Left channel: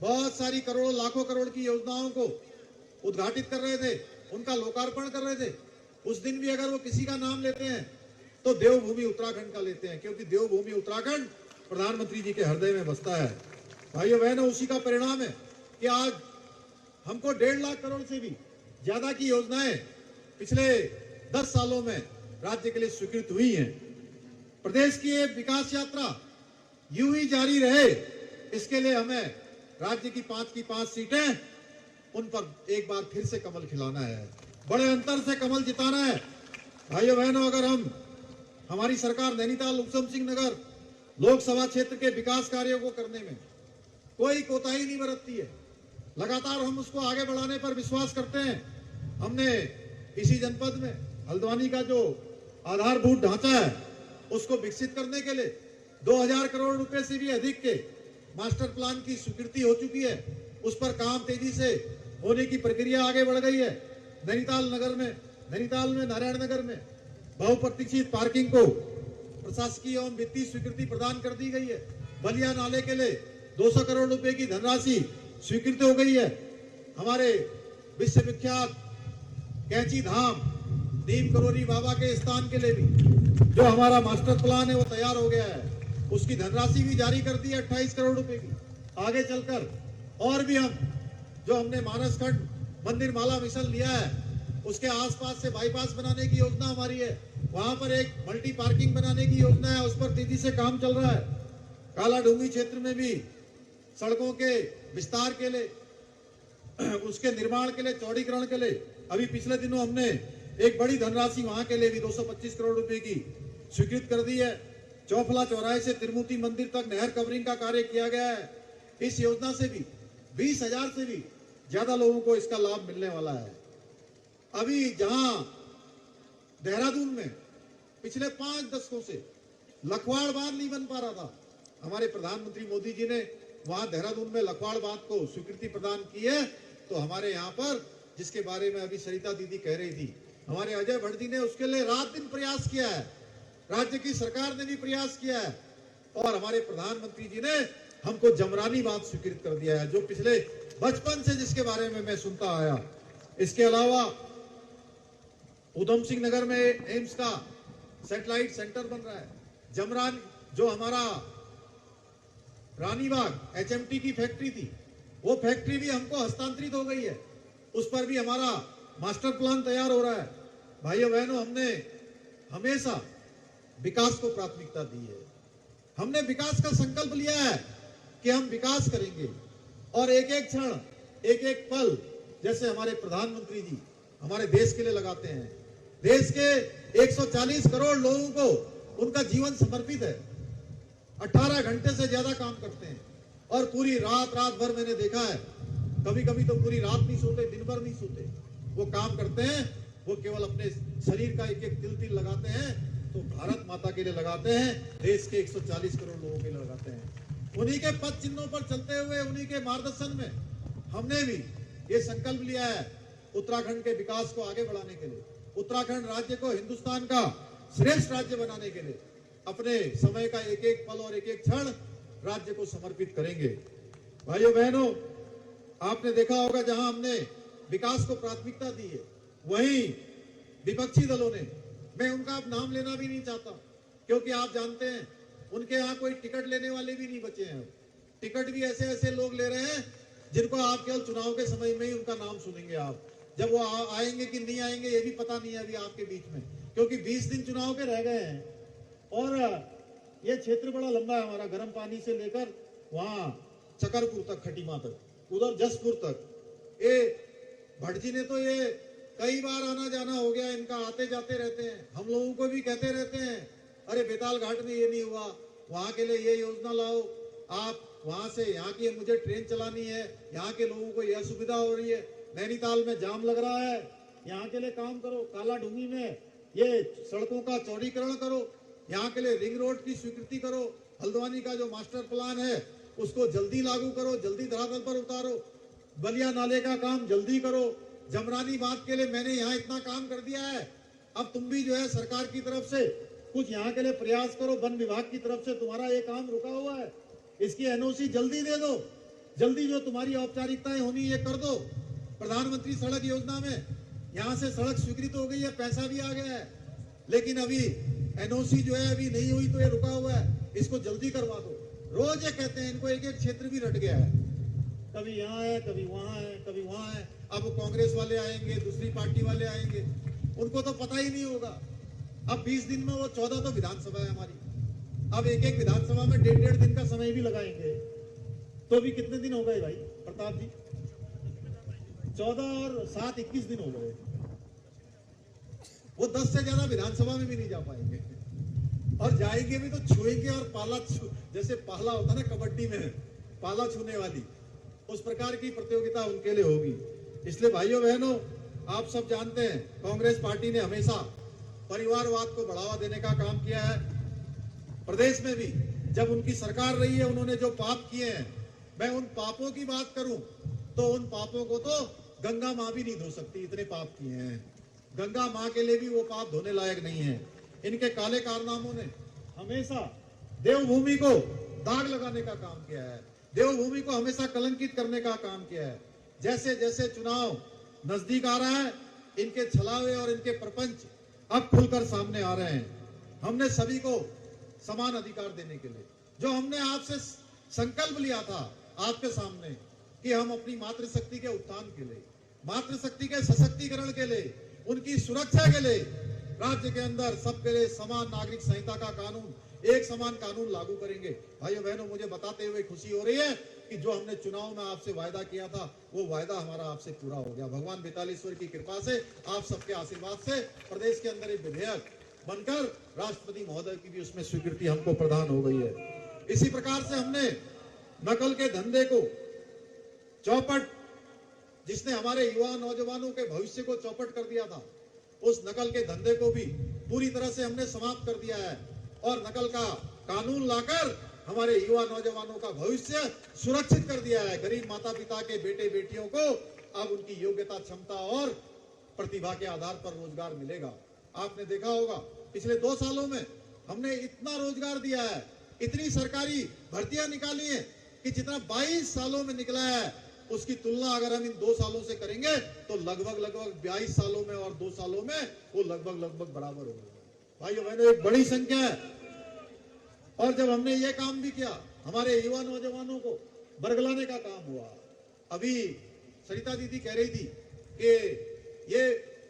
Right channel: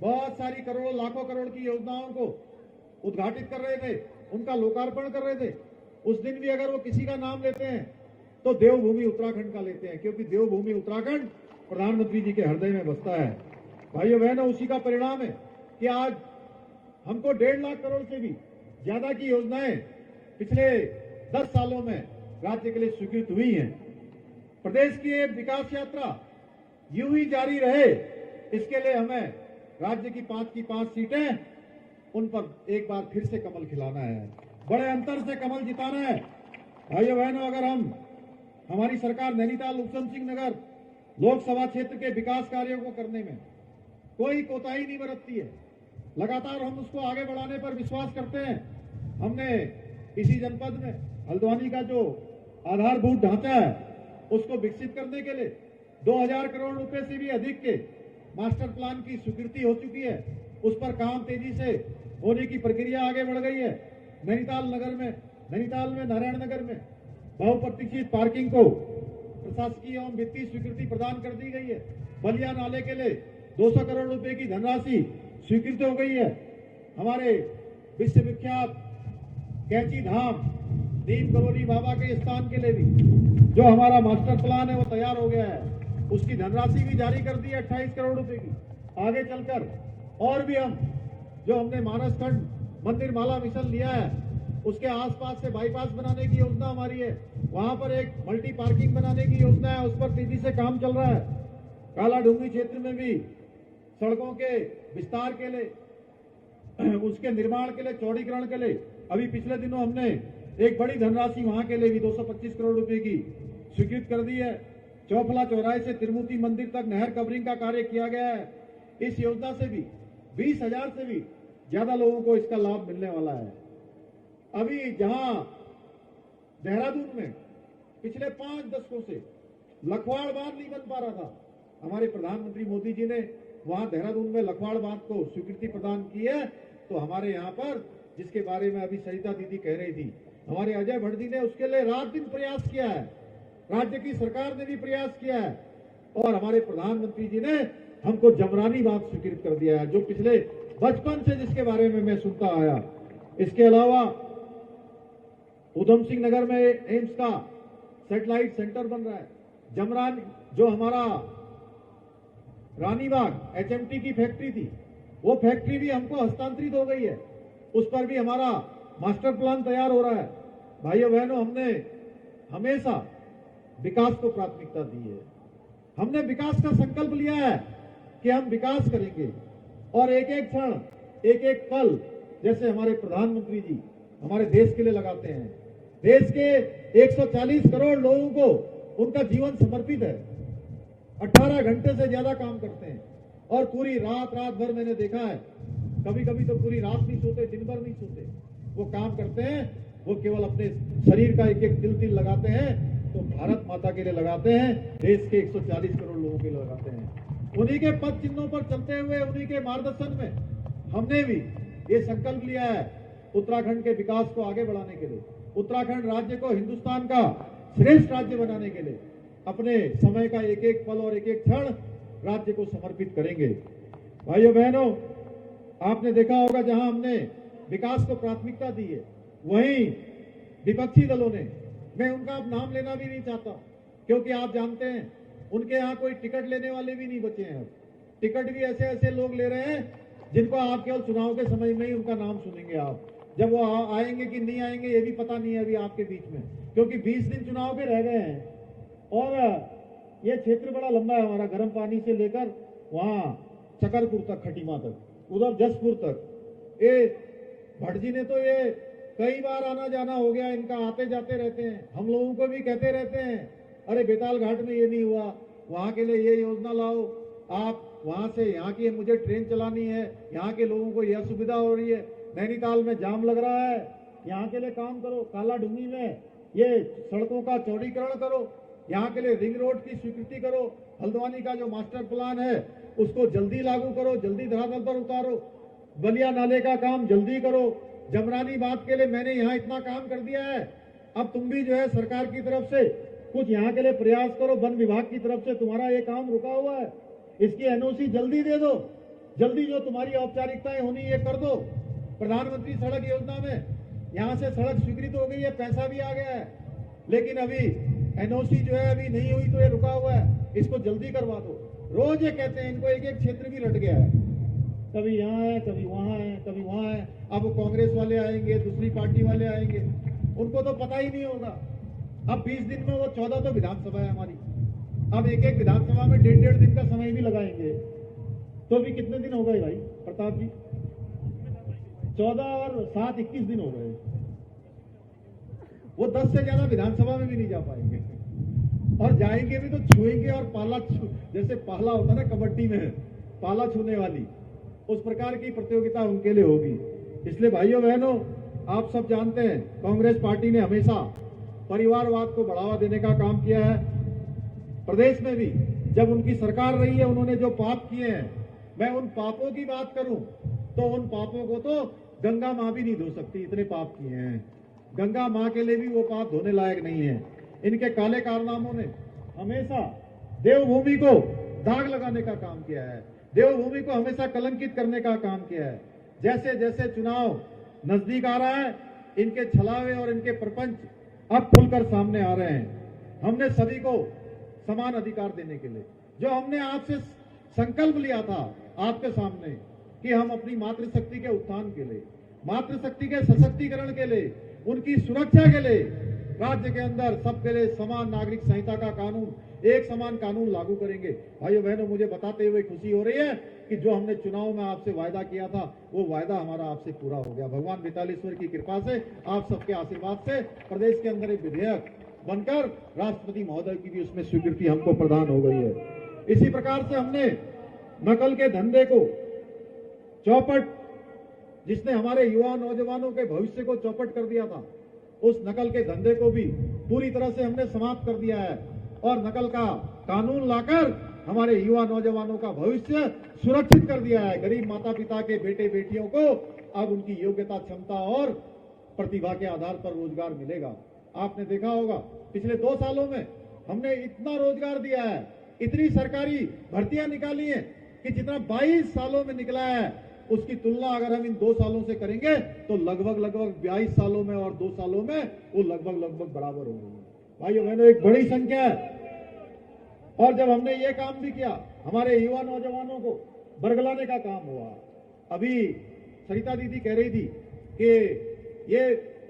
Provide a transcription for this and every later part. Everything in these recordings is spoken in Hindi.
बहुत सारी करोड़ों लाखों करोड़ की योजनाओं को उद्घाटित कर रहे थे, उनका लोकार्पण कर रहे थे। उस दिन भी अगर वो किसी का नाम लेते हैं तो देवभूमि उत्तराखंड का लेते हैं, क्योंकि देवभूमि उत्तराखंड प्रधानमंत्री जी के हृदय में बसता है। भाइयों बहनों, उसी का परिणाम है कि आज हमको 1.5 लाख करोड़ से भी ज्यादा की योजनाएं पिछले 10 सालों में राज्य के लिए स्वीकृत हुई हैं। प्रदेश की ये विकास यात्रा यूं ही जारी रहे, इसके लिए हमें राज्य की 5 सीटें, उन पर एक बार फिर से कमल खिलाना है, बड़े अंतर से कमल जिताना है। भाइयों बहनों, अगर हमारी सरकार नैनीताल ऊधम सिंह नगर लोकसभा क्षेत्र के विकास कार्यों को करने में कोई कोताही नहीं बरतती है, लगातार हम उसको आगे बढ़ाने पर विश्वास करते हैं। हमने इसी जनपद में हल्द्वानी का जो आधारभूत ढांचा है उसको विकसित करने के लिए 2000 करोड़ रुपए से भी अधिक के मास्टर प्लान की स्वीकृति हो चुकी है। उस पर काम तेजी से होने की प्रक्रिया आगे बढ़ गई है। नैनीताल में नारायण नगर में बहुप्रतीक्षित पार्किंग को प्रशासकीय एवं वित्तीय स्वीकृति प्रदान कर दी गई है। बलिया नाले के लिए 200 करोड़ रुपए की धनराशि स्वीकृत हो गई है। हमारे विश्व विख्यात कैंची धाम नीम करोली बाबा के स्थान के लिए भी जो हमारा मास्टर प्लान है वो तैयार हो गया है, उसकी धनराशि भी जारी कर दी है 28 करोड़ रुपए की। आगे चलकर और भी हमने मानसखंड मंदिर माला मिशन लिया है, उसके आसपास से बाईपास बनाने की योजना हमारी है, वहां पर एक मल्टी पार्किंग बनाने की योजना है, उस पर तेजी से काम चल रहा है। काला डूंगी क्षेत्र में भी सड़कों के विस्तार के लिए, उसके निर्माण के लिए, चौड़ीकरण के लिए अभी पिछले दिनों हमने एक बड़ी धनराशि वहां के लिए भी 225 करोड़ रुपए की स्वीकृत कर दी है। चौफला चौराहे से तिरुमूर्ति मंदिर तक नहर कवरिंग का कार्य किया गया है। इस योजना से भी 20,000 से भी ज्यादा लोगों को इसका लाभ मिलने वाला है। अभी जहां देहरादून में पिछले 5 दशकों से लखवाड़ बांध नहीं बन पा रहा था, हमारे प्रधानमंत्री मोदी जी ने वहां देहरादून में लखवाड़ बांध को स्वीकृति प्रदान की है। तो हमारे यहाँ पर, जिसके बारे में अभी सरिता दीदी कह रही थी, हमारे अजय भट्ट जी ने उसके लिए रात दिन प्रयास किया है, राज्य की सरकार ने भी प्रयास किया है, और हमारे प्रधानमंत्री जी ने हमको जमरानी बांध स्वीकृत कर दिया है, जो पिछले बचपन से जिसके बारे में मैं सुनता आया। इसके अलावा ऊधम सिंह नगर में एम्स का सैटेलाइट सेंटर बन रहा है। जमरान जो हमारा रानीबाग एचएमटी की फैक्ट्री थी, वो फैक्ट्री भी हमको हस्तांतरित हो गई है, उस पर भी हमारा मास्टर प्लान तैयार हो रहा है। भाइयों बहनों, हमने हमेशा विकास को प्राथमिकता दी है। हमने विकास का संकल्प लिया है कि हम विकास करेंगे, और एक एक क्षण, एक एक पल, जैसे हमारे प्रधानमंत्री जी हमारे देश के लिए लगाते हैं। देश के 140 करोड़ लोगों को उनका जीवन समर्पित है, 18 घंटे से ज्यादा काम करते हैं, और पूरी रात भर मैंने देखा है, कभी कभी तो पूरी रात नहीं सोते, दिन भर नहीं सोते, वो काम करते हैं। वो केवल अपने शरीर का एक एक तिल लगाते हैं तो भारत माता के लिए लगाते हैं, देश के 140 करोड़ लोगों के लिए लगाते हैं। उन्हीं के पद चिन्हों पर चलते हुए, उन्हीं के मार्गदर्शन में हमने भी ये संकल्प लिया है उत्तराखंड के विकास को आगे बढ़ाने के लिए, उत्तराखंड राज्य को हिंदुस्तान का श्रेष्ठ राज्य बनाने के लिए अपने समय का एक एक पल और एक एक क्षण राज्य को समर्पित करेंगे। भाइयों बहनों, आपने देखा होगा जहां हमने विकास को प्राथमिकता दी है, वहीं विपक्षी दलों ने, मैं उनका अब नाम लेना भी नहीं चाहता, क्योंकि आप जानते हैं उनके यहाँ कोई टिकट लेने वाले भी नहीं बचे हैं। टिकट भी ऐसे ऐसे लोग ले रहे हैं जिनको आप केवल चुनाव के समय में ही उनका नाम सुनेंगे। आप जब वो आएंगे कि नहीं आएंगे ये भी पता नहीं है अभी आपके बीच में, क्योंकि 20 दिन चुनाव के रह गए हैं, और ये क्षेत्र बड़ा लंबा है हमारा, गर्म पानी से लेकर वहां चकरपुर तक, खटीमा तक, उधर जसपुर तक। ये भट्ट जी ने तो ये कई बार आना जाना हो गया इनका, आते जाते रहते हैं, हम लोगों को भी कहते रहते हैं, अरे बेताल घाट में ये नहीं हुआ, वहां के लिए ये योजना लाओ, आप वहां से यहाँ की, मुझे ट्रेन चलानी है, यहाँ के लोगों को यह सुविधा हो रही है, नैनीताल में जाम लग रहा है, यहाँ के लिए काम करो, काला डूंगी में ये सड़कों का चौड़ीकरण करो, यहाँ के लिए रिंग रोड की स्वीकृति करो, हल्द्वानी का जो मास्टर प्लान है उसको जल्दी लागू करो, जल्दी धरातल पर उतारो, बलिया नाले का काम जल्दी करो, जमरानी बांध के लिए मैंने यहाँ इतना काम कर दिया है, अब तुम भी जो है सरकार की तरफ से कुछ यहाँ के लिए प्रयास करो, वन विभाग की तरफ से तुम्हारा ये काम रुका हुआ है, इसकी एनओसी जल्दी दे दो, जल्दी जो तुम्हारी औपचारिकताएं होनी ये कर दो। प्रधानमंत्री सड़क योजना में यहां से सड़क स्वीकृत हो गई है, पैसा भी आ गया है, लेकिन अभी एनओसी जो है अभी नहीं हुई तो ये रुका हुआ है, इसको जल्दी करवा दो। रोज ये कहते हैं, इनको एक एक क्षेत्र भी रट गया है, कभी यहाँ है, कभी वहां है, कभी वहां है। अब वो कांग्रेस वाले आएंगे, दूसरी पार्टी वाले आएंगे, उनको तो पता ही नहीं होगा। अब 20 दिन में वो 14 तो विधानसभा है हमारी, अब एक एक विधानसभा में 1.5 दिन का समय भी लगाएंगे, तो भी कितने दिन हो गए भाई प्रताप जी? 14 और 7 21 दिन हो गए। वो 10 से ज्यादा विधानसभा में भी नहीं जा पाएंगे, और जाएंगे भी तो छुएंगे, और पाला जैसे पाला होता है ना कबड्डी में, पाला छूने वाली, उस प्रकार की प्रतियोगिता उनके लिए होगी। इसलिए भाइयों बहनों, आप सब जानते हैं कांग्रेस पार्टी ने हमेशा परिवारवाद को बढ़ावा देने का काम किया है। प्रदेश में भी जब उनकी सरकार रही है, उन्होंने जो पाप किए हैं, मैं उन पापों की बात करूं तो उन पापों को तो गंगा मां भी नहीं धो सकती, इतने पाप किए हैं। गंगा मां के लिए भी वो पाप धोने लायक नहीं है। इनके काले कारनामों ने हमेशा देवभूमि को दाग लगाने का काम किया है, देवभूमि को हमेशा कलंकित करने का काम किया है। जैसे जैसे चुनाव नजदीक आ रहा है, इनके छलावे और इनके प्रपंच अब खुलकर सामने आ रहे हैं। हमने सभी को समान अधिकार देने के लिए जो हमने आपसे संकल्प लिया था आपके सामने कि हम अपनी मातृशक्ति के उत्थान के लिए, मातृशक्ति के सशक्तिकरण के लिए, उनकी सुरक्षा के लिए राज्य के अंदर सबके लिए समान नागरिक संहिता का कानून, एक समान कानून लागू करेंगे। भाइयों बहनों, मुझे बताते हुए खुशी हो रही है कि जो हमने चुनाव में आपसे वायदा किया था वो वायदा हमारा आपसे पूरा हो गया। भगवान बेतालेश्वर की कृपा से, आप सबके आशीर्वाद से प्रदेश के अंदर एक विधेयक बनकर राष्ट्रपति महोदय की भी उसमें स्वीकृति हमको प्रदान हो गई है। इसी प्रकार से हमने नकल के धंधे को चौपट, जिसने हमारे युवा नौजवानों के भविष्य को चौपट कर दिया था, उस नकल के धंधे को भी पूरी तरह से हमने समाप्त कर दिया है और नकल का कानून लाकर हमारे युवा नौजवानों का भविष्य सुरक्षित कर दिया है। गरीब माता पिता के बेटे बेटियों को अब उनकी योग्यता, क्षमता और प्रतिभा के आधार पर रोजगार मिलेगा। आपने देखा होगा पिछले 2 सालों में हमने इतना रोजगार दिया है, इतनी सरकारी भर्तियां निकाली हैं कि जितना 22 सालों में निकला है उसकी तुलना अगर हम इन 2 सालों से करेंगे तो लगभग 22 सालों में और 2 सालों में वो लगभग बराबर हो गई है। भाइयों बहनों, एक बड़ी संख्या है। और जब हमने ये काम भी किया, हमारे युवा नौजवानों को बरगलाने का काम हुआ। अभी सरिता दीदी कह रही थी कि ये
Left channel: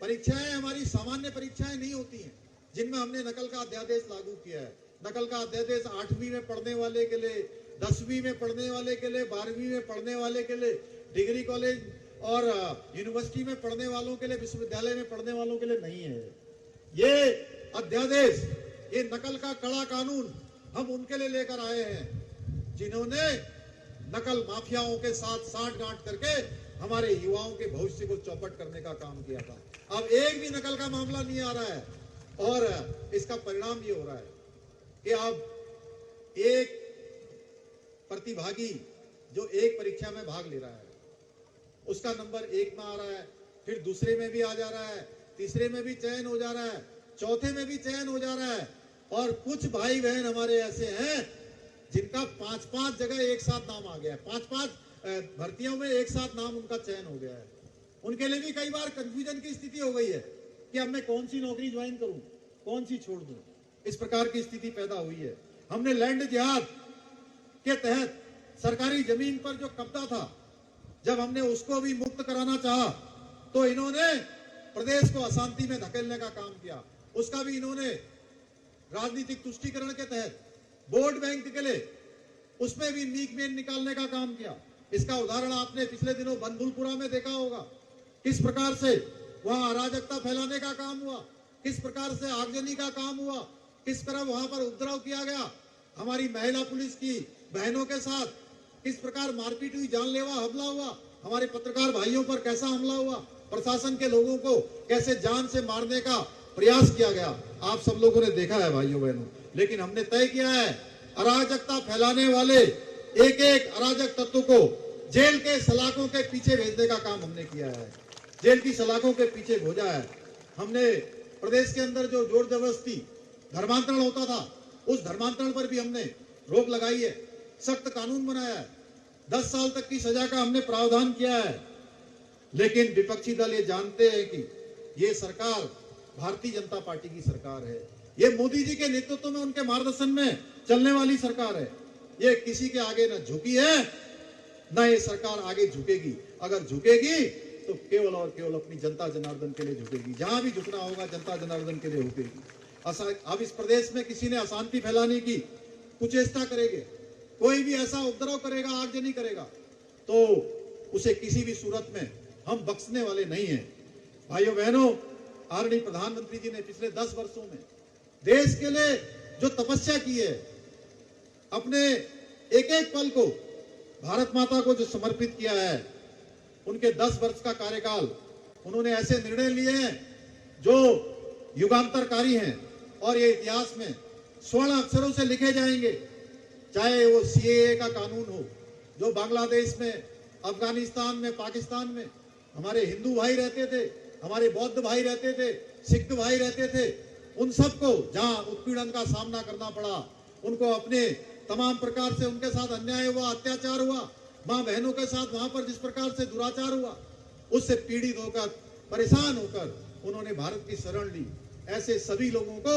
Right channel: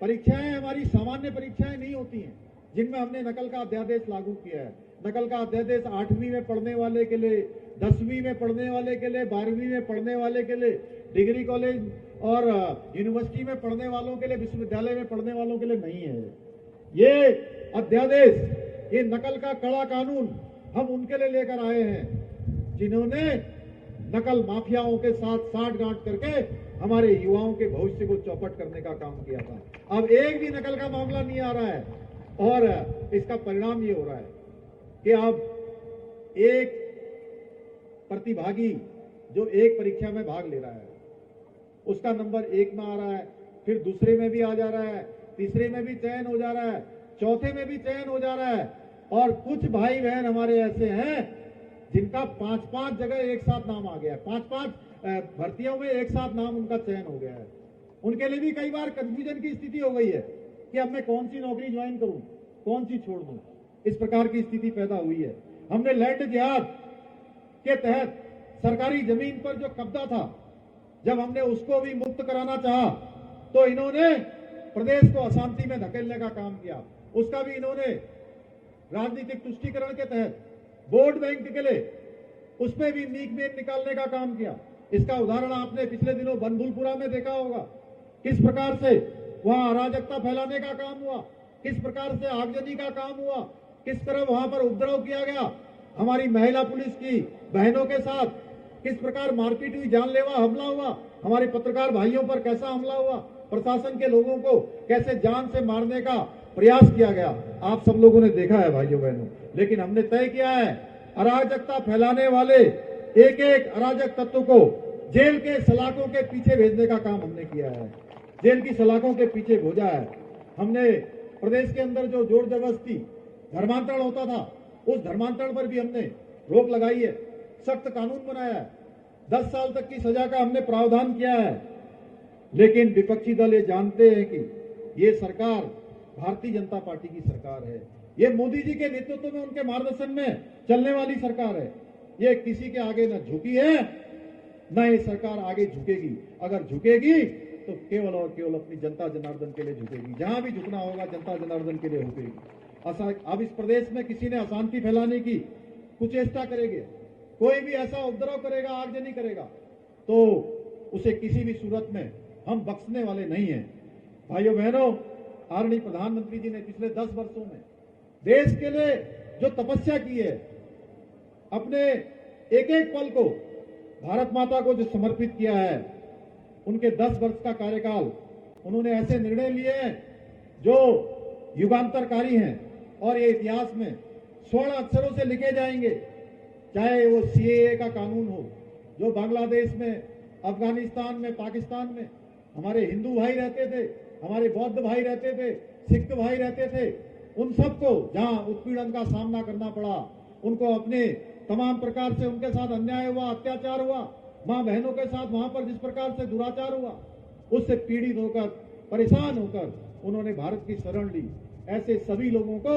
परीक्षाएं हमारी सामान्य परीक्षाएं नहीं होती हैं, जिनमें हमने नकल का अध्यादेश लागू किया है। नकल का अध्यादेश 8वीं में पढ़ने वाले के लिए, 10वीं में पढ़ने वाले के लिए, 12वीं में पढ़ने वाले के लिए, डिग्री कॉलेज और यूनिवर्सिटी में पढ़ने वालों के लिए, विश्वविद्यालय में पढ़ने वालों के लिए नहीं है। ये अध्यादेश, ये नकल का कड़ा कानून हम उनके लिए लेकर आए हैं जिन्होंने नकल माफियाओं के साथ साठगांठ करके हमारे युवाओं के भविष्य को चौपट करने का काम किया था। अब एक भी नकल का मामला नहीं आ रहा है और इसका परिणाम ये हो रहा है कि अब एक प्रतिभागी जो एक परीक्षा में भाग ले रहा है उसका नंबर 1 में आ रहा है, फिर दूसरे में भी आ जा रहा है, तीसरे में भी चयन हो जा रहा है, चौथे में भी चयन हो जा रहा है। और कुछ भाई बहन हमारे ऐसे हैं जिनका 5-5 जगह एक साथ नाम आ गया है, 5-5 भर्तियों में एक साथ नाम उनका चयन हो गया है। उनके लिए भी कई बार कंफ्यूजन की स्थिति हो गई है कि अब मैं कौन सी नौकरी ज्वाइन करूं, कौन सी छोड़ दूं। इस प्रकार की स्थिति पैदा हुई है। हमने लैंड जिहाद के तहत सरकारी जमीन पर जो कब्जा था, जब हमने उसको भी मुक्त कराना चाहा तो इन्होंने प्रदेश को अशांति में धकेलने का काम किया। उसका भी इन्होंने राजनीतिक तुष्टीकरण के तहत वोट बैंक के लिए उसमें भी मीक में निकालने का काम किया। इसका उदाहरण आपने पिछले दिनों बनभूलपुरा में देखा होगा, किस प्रकार से वहां अराजकता फैलाने का काम हुआ, किस प्रकार से आगजनी का काम हुआ, किस तरह वहां पर उपद्रव किया गया, हमारी महिला पुलिस की बहनों के साथ किस प्रकार मारपीट हुई, जानलेवा हमला हुआ, हमारे पत्रकार भाइयों पर कैसा हमला हुआ, प्रशासन के लोगों को कैसे जान से मारने का प्रयास किया गया, आप सब लोगों ने देखा है भाइयों बहनों। लेकिन हमने तय किया है अराजकता फैलाने वाले एक एक अराजक तत्व को जेल के सलाखों के पीछे भेजने का काम हमने किया है, जेल की सलाखों के पीछे भेजा है। हमने प्रदेश के अंदर जो जोर जबरदस्ती धर्मांतरण होता था, उस धर्मांतरण पर भी हमने रोक लगाई है, सख्त कानून बनाया है। 10 साल तक की सजा का हमने प्रावधान किया है। लेकिन विपक्षी दल ये जानते हैं कि ये सरकार भारतीय जनता पार्टी की सरकार है, ये मोदी जी के नेतृत्व में, उनके मार्गदर्शन में चलने वाली सरकार है। ये किसी के आगे न झुकी है, न ये सरकार आगे झुकेगी। अगर झुकेगी तो केवल और केवल अपनी जनता जनार्दन के लिए झुकेगी। जहां भी झुकना होगा जनता जनार्दन के लिए झुकेगी। अब इस प्रदेश में किसी ने अशांति फैलाने की कुचेष्टा करेंगे, कोई भी ऐसा उपद्रव करेगा, आगजनी करेगा, तो उसे किसी भी सूरत में हम बख्शने वाले नहीं हैं। भाइयों बहनों, आदरणीय प्रधानमंत्री जी ने पिछले 10 वर्षों में देश के लिए जो तपस्या की है, अपने एक एक पल को भारत माता को जो समर्पित किया है, उनके 10 वर्ष का कार्यकाल उन्होंने ऐसे निर्णय लिए हैं जो युगांतरकारी हैं और ये इतिहास में स्वर्ण अक्षरों से लिखे जाएंगे। चाहे वो सीएए का कानून हो, जो बांग्लादेश में, अफगानिस्तान में, पाकिस्तान में हमारे हिंदू भाई रहते थे, हमारे बौद्ध भाई रहते थे, सिख भाई रहते थे, उन सबको जहां उत्पीड़न का सामना करना पड़ा, उनको अपने तमाम प्रकार से उनके साथ अन्याय हुआ, अत्याचार हुआ, मां बहनों के साथ वहां पर जिस प्रकार से दुराचार हुआ, उससे पीड़ित होकर, परेशान होकर उन्होंने भारत की शरण ली। ऐसे सभी लोगों को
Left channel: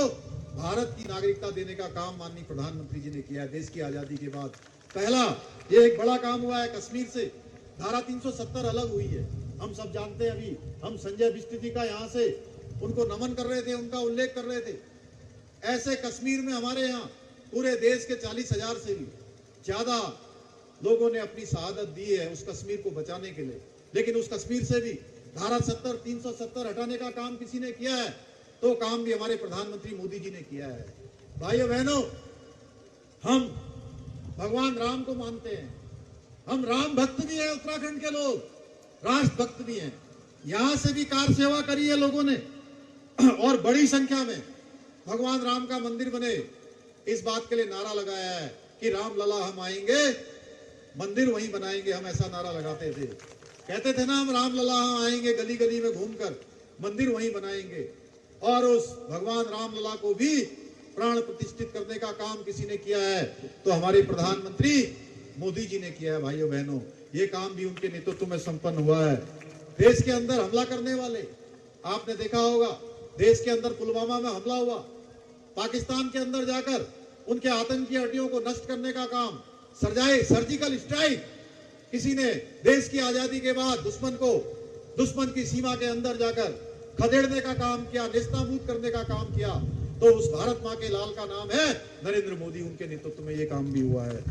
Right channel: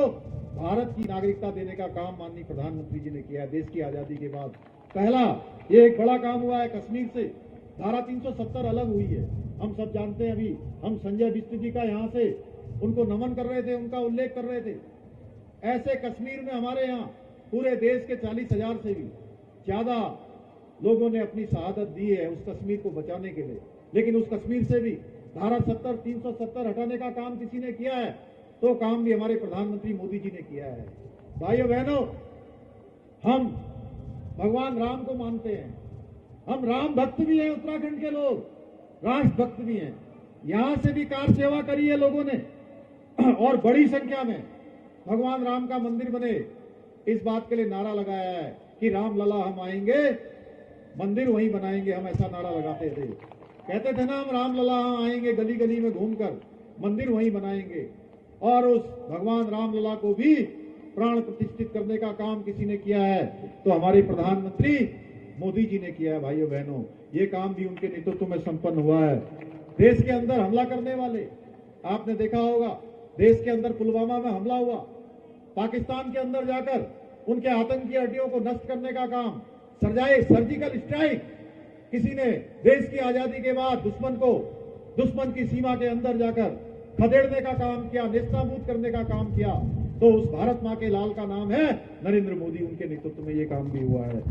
भारत की नागरिकता देने का काम माननीय प्रधानमंत्री जी ने किया है। देश की आजादी के बाद पहला ये एक बड़ा काम हुआ है। कश्मीर से धारा 370 अलग हुई है, हम सब जानते हैं। अभी हम संजय बिष्ट जी का यहाँ से उनको नमन कर रहे थे, उनका उल्लेख कर रहे थे। ऐसे कश्मीर में हमारे यहाँ पूरे देश के 40,000 से भी ज्यादा लोगों ने अपनी शहादत दी है उस कश्मीर को बचाने के लिए। लेकिन उस कश्मीर से भी धारा 370 हटाने का काम किसी ने किया है, तो काम भी हमारे प्रधानमंत्री मोदी जी ने किया है। भाइयों बहनों, हम भगवान राम को मानते हैं, हम राम भक्त भी हैं, उत्तराखंड के लोग राष्ट्र भक्त भी हैं। यहां से भी कार सेवा करी है लोगों ने और बड़ी संख्या में भगवान राम का मंदिर बने, इस बात के लिए नारा लगाया है कि राम लला हम आएंगे, मंदिर वहीं बनाएंगे। हम ऐसा नारा लगाते थे, कहते थे ना, हम राम लला हम आएंगे, गली गली में घूमकर मंदिर वहीं बनाएंगे। और उस भगवान राम लला को भी प्राण प्रतिष्ठित करने का काम किसी ने किया है, तो हमारे प्रधानमंत्री मोदी जी ने किया है। भाइयों बहनों, ये काम भी उनके नेतृत्व में संपन्न हुआ है। देश के अंदर हमला करने वाले, आपने देखा होगा, देश के अंदर पुलवामा में हमला हुआ, पाकिस्तान के अंदर जाकर उनके आतंकी अड्डियों को नष्ट करने का काम, सर्जिकल स्ट्राइक किसी ने देश की आजादी के बाद दुश्मन की सीमा के अंदर जाकर खदेड़ने का काम किया, नेस्तनाबूद करने का काम किया, तो उस भारत मां के लाल का नाम है नरेंद्र मोदी। उनके नेतृत्व में ये काम भी हुआ है।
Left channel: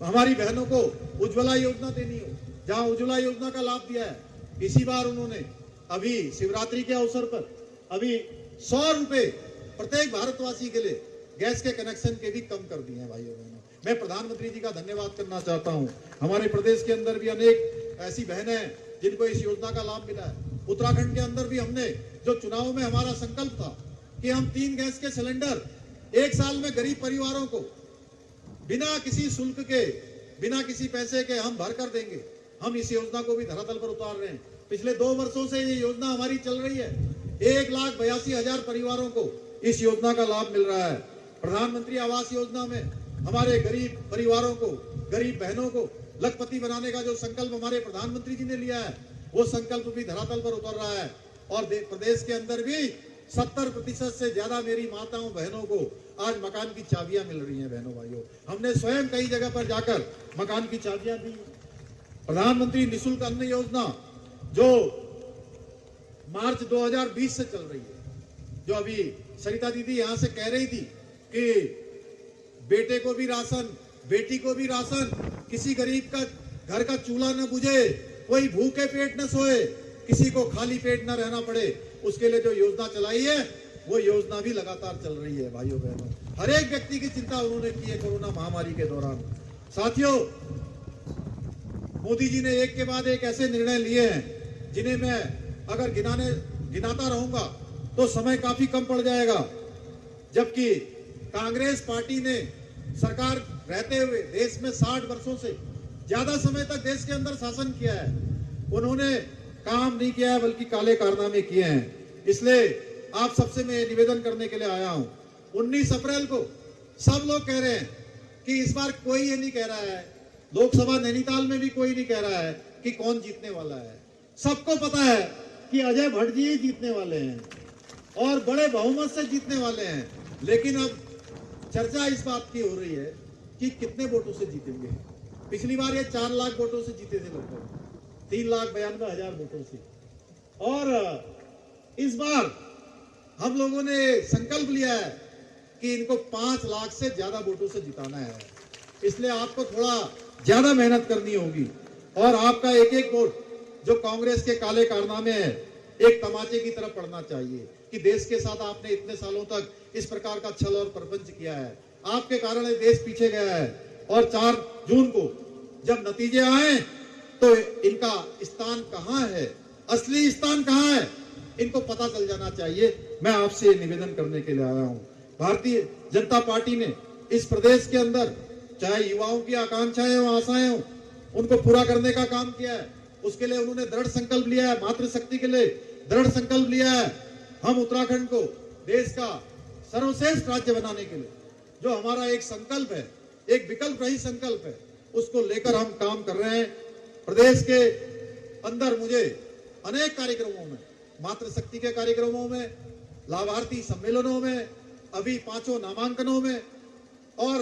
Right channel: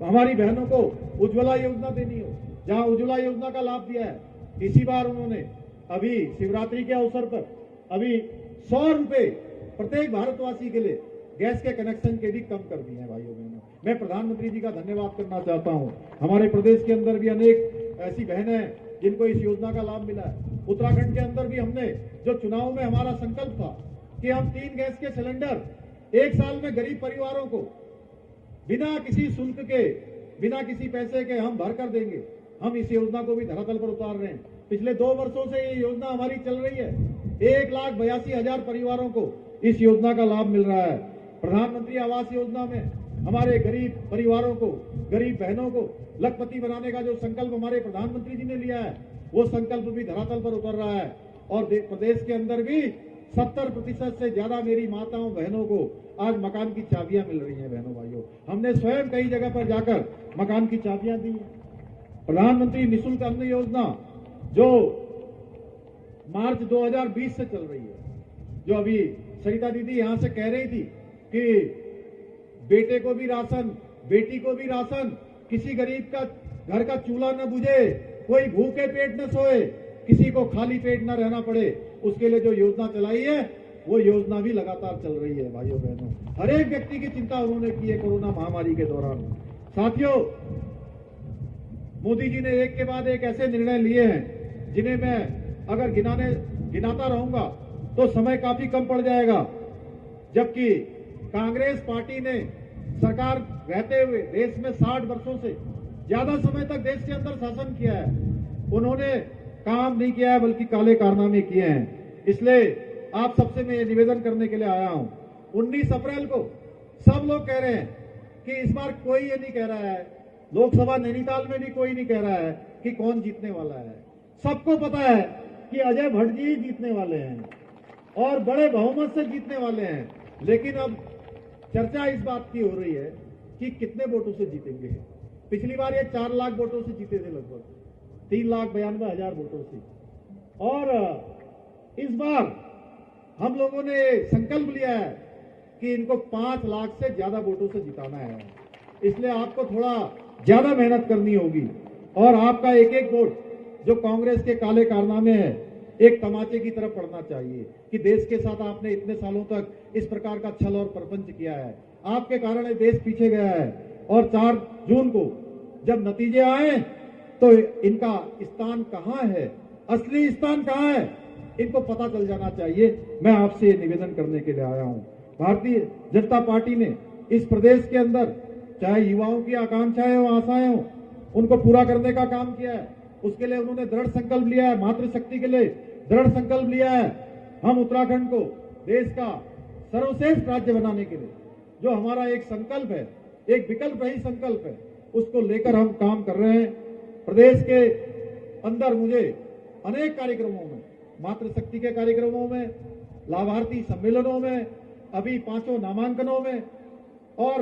हमारी बहनों को उज्ज्वला योजना देनी हो, जहां उज्ज्वला योजना का लाभ दिया है, इसी बार उन्होंने अभी शिवरात्रि के अवसर पर अभी 100 रुपए प्रत्येक भारतवासी के लिए गैस के कनेक्शन के भी कम कर दिए हैं। भाइयों बहनों, मैं प्रधानमंत्री जी का धन्यवाद करना चाहता हूं। हमारे प्रदेश के अंदर भी अनेक ऐसी बहनें हैं जिनको इस योजना का लाभ मिला है। उत्तराखंड के अंदर भी हमने, जो चुनाव में हमारा संकल्प था कि हम 3 गैस के सिलेंडर 1 साल में गरीब परिवारों को बिना किसी शुल्क के, बिना किसी पैसे के हम भर कर देंगे, हम इस योजना को भी धरातल पर उतार रहे हैं। पिछले 2 वर्षों से ये योजना हमारी चल रही है। 1,82,000 परिवारों को इस योजना का लाभ मिल रहा है। प्रधानमंत्री आवास योजना में हमारे गरीब परिवारों को, गरीब बहनों को लखपति बनाने का जो संकल्प हमारे प्रधानमंत्री जी ने लिया है, वो संकल्प भी धरातल पर उतर रहा है। और प्रदेश के अंदर भी 70% से ज्यादा मेरी माताओं बहनों को आज मकान की चाबियां मिल रही हैं। बहनों भाइयों, हमने स्वयं कई जगह पर जाकर मकान की चाबियां दी। प्रधानमंत्री निःशुल्क अन्न योजना जो मार्च 2020 से चल रही है, जो अभी सरिता दीदी यहां से कह रही थी कि बेटे को भी राशन, बेटी को भी राशन, किसी गरीब का घर का चूल्हा न बुझे, कोई भूखे पेट न सोए, किसी को खाली पेट न रहना पड़े, उसके लिए जो योजना चलाई है, वो योजना भी लगातार चल रही है। भाइयों बहनों, हर एक व्यक्ति की चिंता उन्होंने की है कोरोना महामारी के दौरान। साथियों, मोदी जी ने एक के बाद एक ऐसे निर्णय लिए हैं जिन्हें मैं अगर गिनाता रहूंगा तो समय काफी कम पड़ जाएगा। जबकि कांग्रेस पार्टी ने सरकार रहते हुए देश में 60 वर्षों से ज्यादा समय तक देश के अंदर शासन किया है, उन्होंने काम नहीं किया है, बल्कि काले कारनामे किए हैं। इसलिए आप सबसे मैं निवेदन करने के लिए आया हूं। 19 अप्रैल को सब लोग कह रहे हैं कि इस बार कोई ये नहीं कह रहा है लोकसभा नैनीताल में भी कोई नहीं कह रहा है कि कौन जीतने वाला है। सबको पता है कि अजय भट्ट जी जीतने वाले हैं और बड़े बहुमत से जीतने वाले हैं। लेकिन अब चर्चा इस बात की हो रही है कि कितने वोटों से जीतेंगे। पिछली बार ये 4 लाख वोटों से जीते थे, लगभग 3,92,000 वोटों से। और इस बार हम लोगों ने संकल्प लिया है कि इनको 5 लाख से ज्यादा वोटों से जिताना है। इसलिए आपको थोड़ा ज्यादा मेहनत करनी होगी और आपका एक एक वोट जो कांग्रेस के काले कारनामे है एक तमाचे की तरफ पड़ना चाहिए कि देश के साथ आपने इतने सालों तक इस प्रकार का छल और प्रपंच किया है। आपके कारण ये देश पीछे गया है और 4 जून को जब नतीजे आए तो इनका स्थान कहां है, असली स्थान कहां है, इनको पता चल जाना चाहिए। मैं आपसे निवेदन करने के लिए आया हूं। भारतीय जनता पार्टी ने इस प्रदेश के अंदर चाहे युवाओं की आकांक्षाएं हो, आशाएं हो, उनको पूरा करने का काम किया है। उसके लिए उन्होंने दृढ़ संकल्प लिया है, मातृशक्ति के लिए दृढ़ संकल्प लिया है। हम उत्तराखंड को देश का सर्वश्रेष्ठ राज्य बनाने के लिए जो हमारा एक संकल्प है, एक विकल्प रहित संकल्प है, उसको लेकर हम काम कर रहे हैं। प्रदेश के अंदर मुझे अनेक कार्यक्रमों में, मातृशक्ति के कार्यक्रमों में, लाभार्थी सम्मेलनों में, अभी 5 नामांकनों में और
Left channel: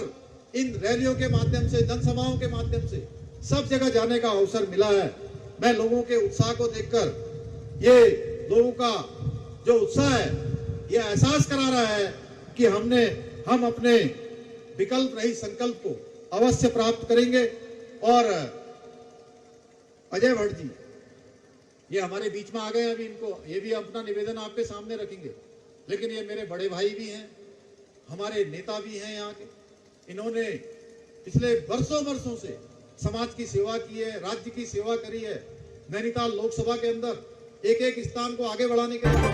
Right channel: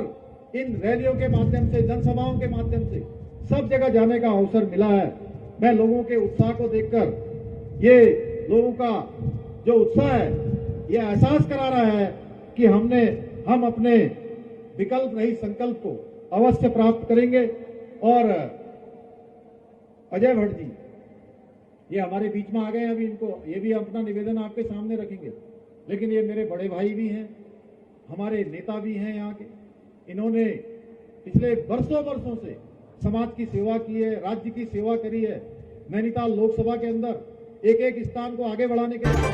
इन रैलियों के माध्यम से, जनसभाओं के माध्यम से सब जगह जाने का अवसर मिला है। मैं लोगों के उत्साह को देखकर ये लोगों का जो उत्साह है ये एहसास करा रहा है कि हम अपने विकल्प रहित संकल्प को अवश्य प्राप्त करेंगे। और अजय भट्ट जी ये हमारे बीच में आ गए, अभी इनको ये भी अपना निवेदन आपके सामने रखेंगे। लेकिन ये मेरे बड़े भाई भी हैं, हमारे नेता भी हैं यहाँ के। इन्होंने पिछले वर्षों से समाज की सेवा की है, राज्य की सेवा करी है। नैनीताल लोकसभा के अंदर एक एक स्थान को आगे बढ़ाने के लिए